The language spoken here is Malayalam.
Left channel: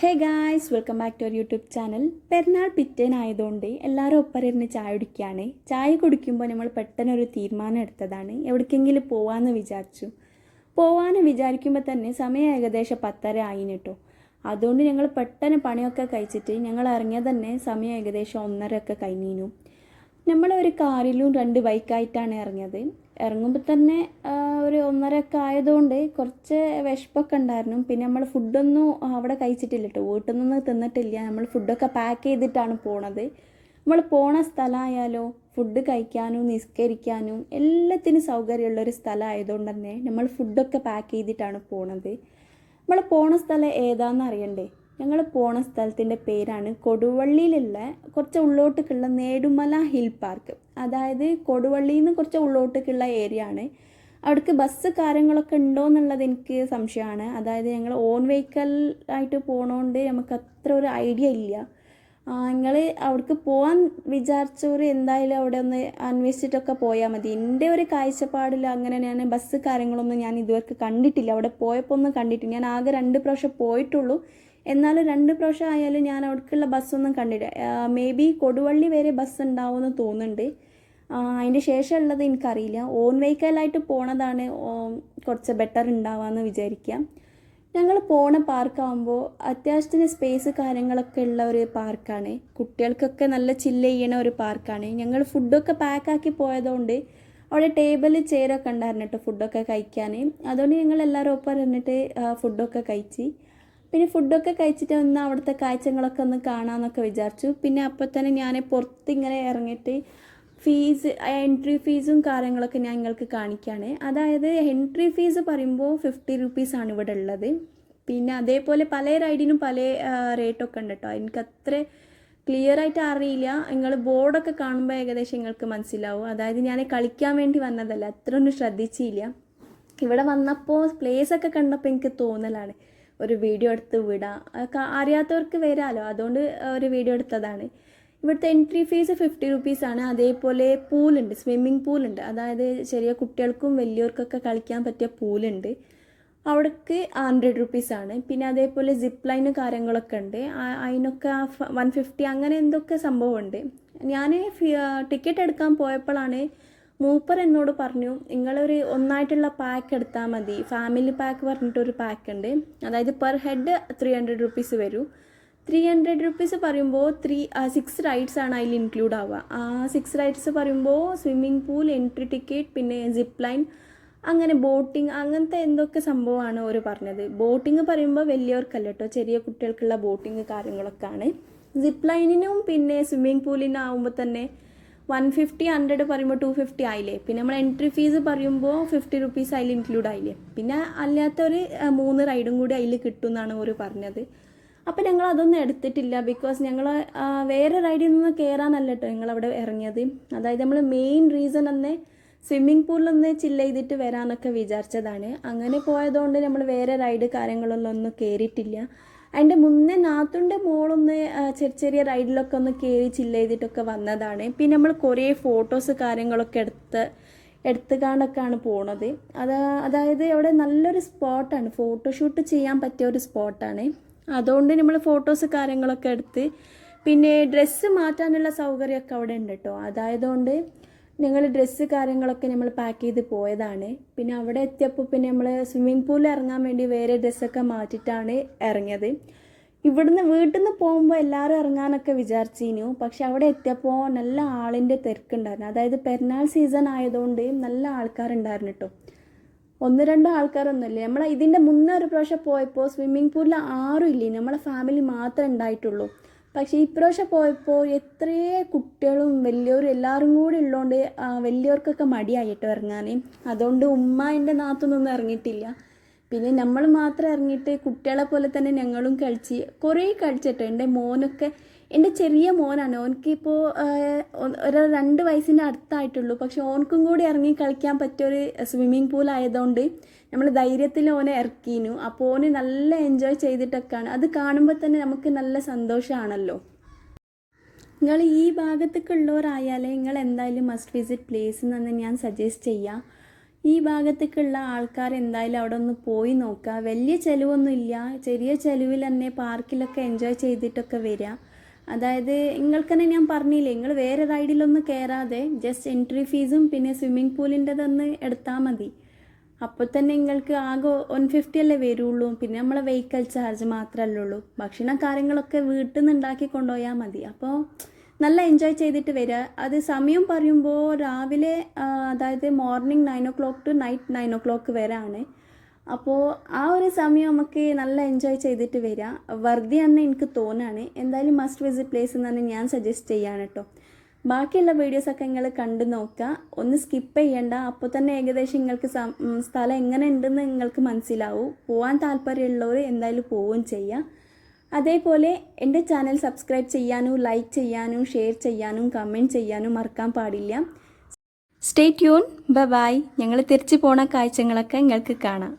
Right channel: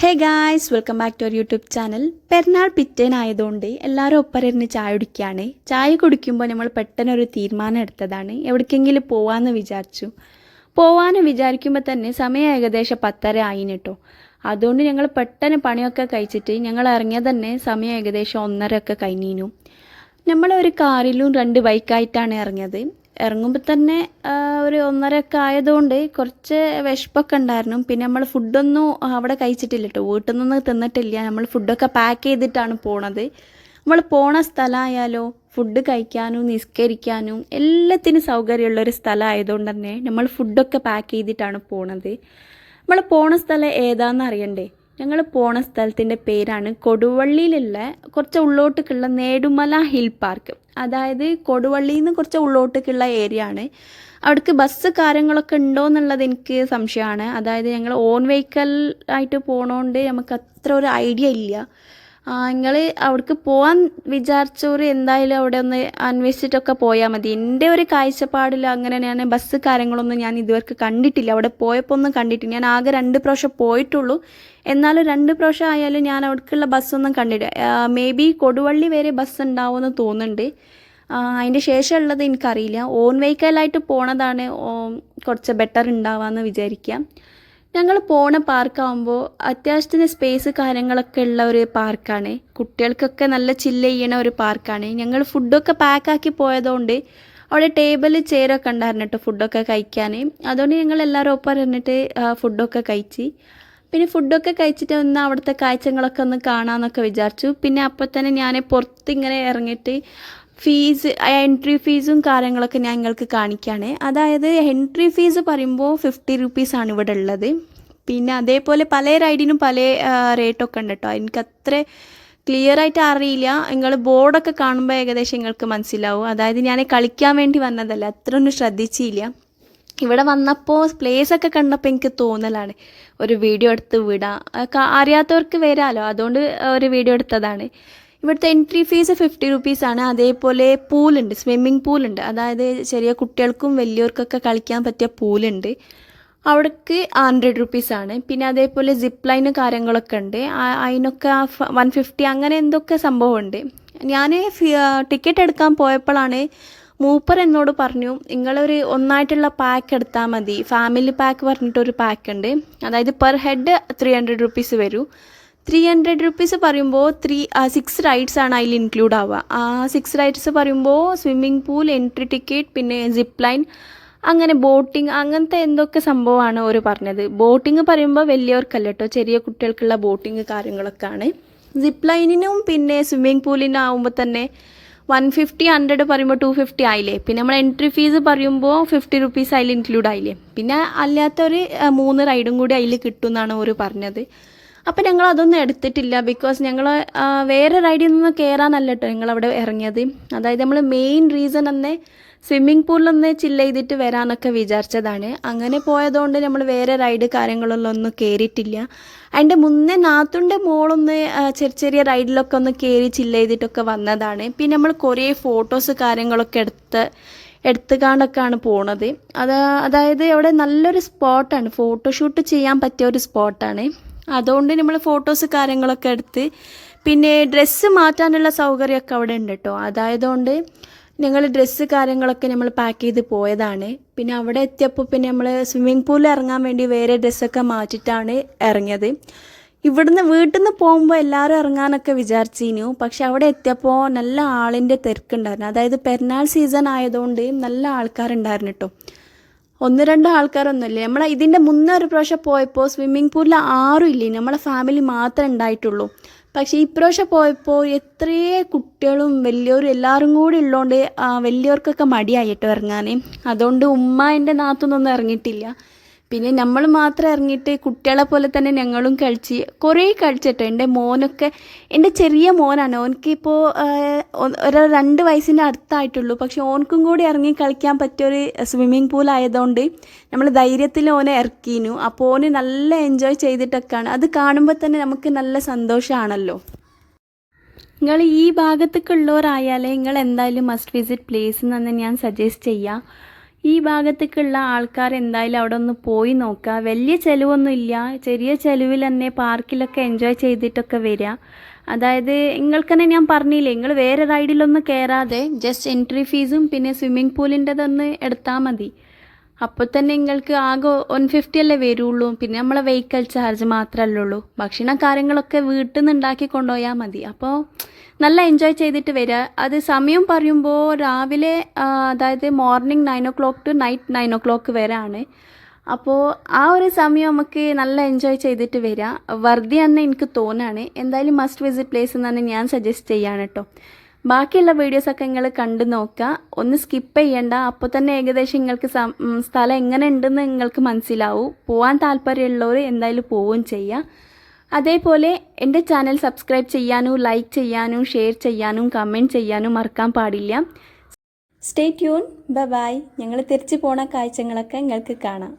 Hey guys, welcome back to our YouTube channel. Perunnal പിറ്റേനായതുകൊണ്ട് എല്ലാവരും ഒപ്പരന്ന് ചായ കുടിക്കുകയാണ്. ചായ കുടിക്കുമ്പോൾ നമ്മൾ പെട്ടെന്നൊരു തീരുമാനം എടുത്തതാണ്, എവിടേക്കെങ്കിലും പോകാമെന്ന് വിചാരിച്ചു. പോകാമെന്ന് വിചാരിക്കുമ്പോൾ തന്നെ സമയം ഏകദേശം 10:30 ആയിന് കേട്ടോ. അതുകൊണ്ട് ഞങ്ങൾ പെട്ടെന്ന് പണിയൊക്കെ കഴിച്ചിട്ട് ഞങ്ങൾ ഇറങ്ങിയത് തന്നെ സമയം ഏകദേശം 1:30 ഒക്കെ കഴിഞ്ഞിരുന്നു. നമ്മളൊരു കാറിലും 2 ബൈക്കായിട്ടാണ് ഇറങ്ങിയത്. ഇറങ്ങുമ്പോൾ തന്നെ ഒരു 1:30 ഒക്കെ ആയതുകൊണ്ട് കുറച്ച് വിശപ്പൊക്കെ ഉണ്ടായിരുന്നു. പിന്നെ നമ്മൾ ഫുഡൊന്നും അവിടെ കഴിച്ചിട്ടില്ല കേട്ടോ, വീട്ടിൽ നിന്ന് തിന്നിട്ടില്ല. നമ്മൾ ഫുഡൊക്കെ പാക്ക് ചെയ്തിട്ടാണ് പോണത്. നമ്മൾ പോണ സ്ഥലമായാലോ ഫുഡ് കഴിക്കാനും നിസ്കരിക്കാനും എല്ലാത്തിനും സൗകര്യമുള്ളൊരു സ്ഥലമായതുകൊണ്ട് തന്നെ നമ്മൾ ഫുഡൊക്കെ പാക്ക് ചെയ്തിട്ടാണ് പോണത്. നമ്മൾ പോണ സ്ഥലം ഏതാണെന്ന് അറിയണ്ടേ? ഞങ്ങൾ പോണ സ്ഥലത്തിൻ്റെ പേരാണ് കൊടുവള്ളിയിലുള്ള കുറച്ച് ഉള്ളോട്ടേക്കുള്ള നേടുമല ഹിൽ പാർക്ക്. അതായത് കൊടുവള്ളിയിൽ നിന്ന് കുറച്ച് ഉള്ളോട്ടേക്കുള്ള ഏരിയ ആണ്. അവിടേക്ക് ബസ് കാര്യങ്ങളൊക്കെ ഉണ്ടോ എന്നുള്ളത് എനിക്ക് സംശയമാണ്. അതായത് ഞങ്ങൾ ഓൺ വെഹിക്കൽ ആയിട്ട് പോകണോണ്ട് നമുക്ക് അത്ര ഒരു ഐഡിയ ഇല്ല. നിങ്ങൾ അവിടേക്ക് പോകാൻ വിചാരിച്ചവർ എന്തായാലും അവിടെ ഒന്ന് അന്വേഷിച്ചിട്ടൊക്കെ പോയാൽ മതി. എൻ്റെ ഒരു കാഴ്ചപ്പാടിൽ അങ്ങനെ ഞാൻ ബസ് കാര്യങ്ങളൊന്നും ഞാൻ ഇതുവരെ കണ്ടിട്ടില്ല. അവിടെ പോയപ്പോൾ ഒന്നും കണ്ടിട്ടില്ല. ഞാൻ ആകെ 2 പ്രാവശ്യം പോയിട്ടുള്ളൂ. എന്നാലും 2 പ്രാവശ്യം ആയാലും ഞാൻ അവിടേക്കുള്ള ബസ്സൊന്നും കണ്ടില്ല. മേ ബി കൊടുവള്ളി വരെ ബസ് ഉണ്ടാവുമെന്ന് തോന്നുന്നുണ്ട്. അതിൻ്റെ ശേഷമുള്ളത് എനിക്കറിയില്ല. ഓൺ വെഹിക്കലായിട്ട് പോണതാണ് കുറച്ച് ബെറ്റർ ഉണ്ടാവാമെന്ന് വിചാരിക്കാം. ഞങ്ങൾ പോണ പാർക്കാകുമ്പോൾ അത്യാവശ്യത്തിന് സ്പേസ് കാര്യങ്ങളൊക്കെ ഉള്ള ഒരു പാർക്കാണ്. കുട്ടികൾക്കൊക്കെ നല്ല ചില്ല് ചെയ്യണ ഒരു പാർക്കാണ്. ഞങ്ങൾ ഫുഡൊക്കെ പാക്കാക്കി പോയതുകൊണ്ട് അവിടെ ടേബിൾ ചെയറൊക്കെ ഉണ്ടായിരുന്നു കേട്ടോ ഫുഡൊക്കെ കഴിക്കാൻ. അതുകൊണ്ട് ഞങ്ങൾ എല്ലാവരും ഒപ്പം ഇരുന്നിട്ട് ഫുഡൊക്കെ കഴിച്ച്. പിന്നെ ഫുഡൊക്കെ കഴിച്ചിട്ട് ഒന്ന് അവിടുത്തെ കാഴ്ചകളൊക്കെ ഒന്ന് കാണാമെന്നൊക്കെ വിചാരിച്ചു. പിന്നെ അപ്പോൾ തന്നെ ഞാൻ പുറത്ത് ഇങ്ങനെ ഇറങ്ങിയിട്ട് എൻട്രി ഫീസും കാര്യങ്ങളൊക്കെ ഞാൻ നിങ്ങൾക്ക് കാണിക്കുകയാണ്. അതായത് എൻട്രി ഫീസ് പറയുമ്പോൾ 50 റുപ്പീസാണ് ഇവിടെ ഉള്ളത്. പിന്നെ അതേപോലെ പല റൈഡിനും പല റേറ്റൊക്കെ ഉണ്ട് കേട്ടോ. എനിക്കത്ര ക്ലിയർ ആയിട്ട് അറിയില്ല. നിങ്ങൾ ബോർഡൊക്കെ കാണുമ്പോൾ ഏകദേശം നിങ്ങൾക്ക് മനസ്സിലാവും. അതായത് ഞാൻ കളിക്കാൻ വേണ്ടി വന്നതല്ല, അത്ര ഒന്നും ശ്രദ്ധിച്ചില്ല. ഇവിടെ വന്നപ്പോൾ പ്ലേസൊക്കെ കണ്ടപ്പോൾ എനിക്ക് തോന്നലാണ് ഒരു വീഡിയോ എടുത്ത് വിടാം, അറിയാത്തവർക്ക് വരാമല്ലോ, അതുകൊണ്ട് ഒരു വീഡിയോ എടുത്തതാണ്. ഇവിടുത്തെ എൻട്രി ഫീസ് 50 റുപ്പീസാണ്. അതേപോലെ പൂളുണ്ട്, സ്വിമ്മിങ് പൂളുണ്ട്. അതായത് ചെറിയ കുട്ടികൾക്കും വലിയവർക്കൊക്കെ കളിക്കാൻ പറ്റിയ പൂളുണ്ട്. അവിടേക്ക് 100 റുപ്പീസാണ്. പിന്നെ അതേപോലെ സിപ്പ് ലൈന് കാര്യങ്ങളൊക്കെ ഉണ്ട്. അതിനൊക്കെ 150 അങ്ങനെ എന്തൊക്കെ സംഭവമുണ്ട്. ഞാൻ ടിക്കറ്റ് എടുക്കാൻ പോയപ്പോഴാണ് മൂപ്പർ എന്നോട് പറഞ്ഞു, നിങ്ങളൊരു ഒന്നായിട്ടുള്ള പാക്ക് എടുത്താൽ മതി. ഫാമിലി പാക്ക് പറഞ്ഞിട്ടൊരു പാക്ക് ഉണ്ട്. അതായത് പെർ ഹെഡ് 300 റുപ്പീസ് വരും. 300 റുപ്പീസ് പറയുമ്പോൾ 6 റൈഡ്സ് ആണ് അതിൽ ഇൻക്ലൂഡ് ആവുക. 6 റൈഡ്സ് പറയുമ്പോൾ സ്വിമ്മിങ് പൂൾ, എൻട്രി ടിക്കറ്റ്, പിന്നെ സിപ്പ് ലൈൻ, അങ്ങനെ ബോട്ടിങ്, അങ്ങനത്തെ എന്തൊക്കെ സംഭവമാണ് അവർ പറഞ്ഞത്. ബോട്ടിങ് പറയുമ്പോൾ വലിയവർക്കല്ല കേട്ടോ, ചെറിയ കുട്ടികൾക്കുള്ള ബോട്ടിങ് കാര്യങ്ങളൊക്കെ ആണ്. സിപ്പ് ലൈനിനും പിന്നെ സ്വിമ്മിങ് പൂളിനും ആകുമ്പോൾ തന്നെ 150, 100 പറയുമ്പോൾ 250 ആയില്ലേ. പിന്നെ നമ്മൾ എൻട്രി ഫീസ് പറയുമ്പോൾ 50 റുപ്പീസ് അതിൽ ഇൻക്ലൂഡ് ആയില്ലേ. പിന്നെ അല്ലാത്തൊരു 3 റൈഡും കൂടി അതിൽ കിട്ടും എന്നാണ് അവർ പറഞ്ഞത്. അപ്പോൾ ഞങ്ങൾ അതൊന്നും എടുത്തിട്ടില്ല. ബിക്കോസ് ഞങ്ങൾ വേറെ റൈഡിൽ നിന്ന് കയറാനല്ല കേട്ടോ ഞങ്ങളവിടെ ഇറങ്ങിയത്. അതായത് നമ്മൾ മെയിൻ റീസൺ തന്നെ സ്വിമ്മിങ് പൂളിലൊന്ന് ചില്ല് ചെയ്തിട്ട് വരാമെന്നൊക്കെ വിചാരിച്ചതാണ്. അങ്ങനെ പോയതുകൊണ്ട് നമ്മൾ വേറെ റൈഡ് കാര്യങ്ങളിലൊന്നും കയറിയിട്ടില്ല. അതിൻ്റെ മുന്നേ നാത്തുൻ്റെ മോളൊന്ന് ചെറിയ റൈഡിലൊക്കെ ഒന്ന് കയറി ചില്ല് ചെയ്തിട്ടൊക്കെ വന്നതാണ്. പിന്നെ നമ്മൾ കുറേ ഫോട്ടോസ് കാര്യങ്ങളൊക്കെ എടുത്തുകൊണ്ടൊക്കെയാണ് പോണത്. അതായത് അവിടെ നല്ലൊരു സ്പോട്ടാണ്, ഫോട്ടോഷൂട്ട് ചെയ്യാൻ പറ്റിയ ഒരു സ്പോട്ടാണ്. അതുകൊണ്ട് നമ്മൾ ഫോട്ടോസ് കാര്യങ്ങളൊക്കെ എടുത്ത്, പിന്നെ ഡ്രസ്സ് മാറ്റാനുള്ള സൗകര്യമൊക്കെ അവിടെ ഉണ്ട് കേട്ടോ. അതായതുകൊണ്ട് ഞങ്ങൾ ഡ്രസ്സ് കാര്യങ്ങളൊക്കെ നമ്മൾ പാക്ക് ചെയ്ത് പോയതാണ്. പിന്നെ അവിടെ എത്തിയപ്പോൾ പിന്നെ നമ്മൾ സ്വിമ്മിങ് പൂളിൽ ഇറങ്ങാൻ വേണ്ടി വേറെ ഡ്രസ്സൊക്കെ മാറ്റിയിട്ടാണ് ഇറങ്ങിയത്. ഇവിടുന്ന് വീട്ടിൽ നിന്ന് പോകുമ്പോൾ എല്ലാവരും ഇറങ്ങാനൊക്കെ വിചാരിച്ചിരുന്നു. പക്ഷെ അവിടെ എത്തിയപ്പോൾ നല്ല ആളിൻ്റെ തിരക്കുണ്ടായിരുന്നു. അതായത് പെരുന്നാൾ സീസൺ ആയതുകൊണ്ട് നല്ല ആൾക്കാരുണ്ടായിരുന്നു കേട്ടോ. 1-2 ആൾക്കാരൊന്നുമില്ല. നമ്മൾ ഇതിൻ്റെ മുന്നേ ഒരു പ്രാവശ്യം പോയപ്പോൾ സ്വിമ്മിങ് പൂളിൽ ആരും ഇല്ലേ, നമ്മളെ ഫാമിലി മാത്രമേ ഉണ്ടായിട്ടുള്ളൂ. പക്ഷേ ഈ പ്രാവശ്യം പോയപ്പോൾ എത്രയേ കുട്ടികളും വലിയവരും എല്ലാവരും കൂടി ഉള്ളതുകൊണ്ട് വലിയവർക്കൊക്കെ മടിയായിട്ടോ ഇറങ്ങാൻ. അതുകൊണ്ട് ഉമ്മ എൻ്റെ നാത്തൊന്നും ഇറങ്ങിയിട്ടില്ല. പിന്നെ നമ്മൾ മാത്രം ഇറങ്ങിയിട്ട് കുട്ടികളെ പോലെ തന്നെ ഞങ്ങളും കുറേ കളിച്ചിട്ടോ. എൻ്റെ ചെറിയ മോനാണ്, ഓനക്കിപ്പോൾ ഒരു 2 വയസ്സിൻ്റെ അടുത്തായിട്ടുള്ളൂ. പക്ഷെ ഓനക്കും കൂടി ഇറങ്ങി കളിക്കാൻ പറ്റിയൊരു സ്വിമ്മിങ് പൂൾ ആയതുകൊണ്ട് നമ്മൾ ധൈര്യത്തിൽ ഓനെ ഇറക്കിയിരുന്നു. അപ്പോൾ ഓന് നല്ല എൻജോയ് ചെയ്തിട്ടൊക്കെയാണ്. അത് കാണുമ്പോൾ തന്നെ നമുക്ക് നല്ല സന്തോഷമാണല്ലോ. നിങ്ങൾ ഈ ഭാഗത്തേക്കുള്ളവരായാലേ നിങ്ങൾ എന്തായാലും മസ്റ്റ് വിസിറ്റ് പ്ലേസ് എന്ന് ഞാൻ സജസ്റ്റ് ചെയ്യാം. ഈ ഭാഗത്തേക്കുള്ള ആൾക്കാർ എന്തായാലും അവിടെ ഒന്ന് പോയി നോക്കുക. വലിയ ചിലവൊന്നുമില്ല, ചെറിയ ചിലവിൽ തന്നെ പാർക്കിലൊക്കെ എൻജോയ് ചെയ്തിട്ടൊക്കെ വരിക. അതായത് നിങ്ങൾക്ക് തന്നെ ഞാൻ പറഞ്ഞില്ലേ, നിങ്ങൾ വേറെ റൈഡിലൊന്നും കയറാതെ ജസ്റ്റ് എൻട്രി ഫീസും പിന്നെ സ്വിമ്മിംഗ് പൂളിൻ്റെതൊന്ന് എടുത്താൽ മതി. അപ്പോൾ തന്നെ നിങ്ങൾക്ക് ആകെ 150 അല്ലേ വരുള്ളൂ. പിന്നെ നമ്മളെ വെഹിക്കൽ ചാർജ് മാത്രമല്ലേ ഉള്ളൂ. ഭക്ഷണ കാര്യങ്ങളൊക്കെ വീട്ടിൽ നിന്ന് ഉണ്ടാക്കി കൊണ്ടുപോയാൽ മതി. അപ്പോൾ നല്ല എൻജോയ് ചെയ്തിട്ട് വരിക. അത് സമയം പറയുമ്പോൾ രാവിലെ അതായത് morning 9 o'clock to night 9 o'clock വരെ ആണ്. അപ്പോൾ ആ ഒരു സമയം നമുക്ക് നല്ല എൻജോയ് ചെയ്തിട്ട് വരിക. വർദ്ധിയാണെന്ന് എനിക്ക് തോന്നുകയാണ്. എന്തായാലും മസ്റ്റ് വിസിറ്റ് പ്ലേസ് എന്നാണ് ഞാൻ സജസ്റ്റ് ചെയ്യാണ് കേട്ടോ. ബാക്കിയുള്ള വീഡിയോസൊക്കെ നിങ്ങൾ കണ്ടു നോക്കുക, ഒന്ന് സ്കിപ്പ് ചെയ്യണ്ട. അപ്പോൾ തന്നെ ഏകദേശം നിങ്ങൾക്ക് സ്ഥലം എങ്ങനെ ഉണ്ടെന്ന് നിങ്ങൾക്ക് മനസ്സിലാവും. പോകാൻ താല്പര്യമുള്ളവർ എന്തായാലും പോവുകയും ചെയ്യുക. അതേപോലെ എൻ്റെ ചാനൽ സബ്സ്ക്രൈബ് ചെയ്യാനും ലൈക്ക് ചെയ്യാനും ഷെയർ ചെയ്യാനും കമൻറ്റ് ചെയ്യാനും മറക്കാൻ പാടില്ല. Stay tune. ബൈ. ഞങ്ങൾ തിരിച്ചു പോണ കാഴ്ചകളൊക്കെ നിങ്ങൾക്ക് കാണാം.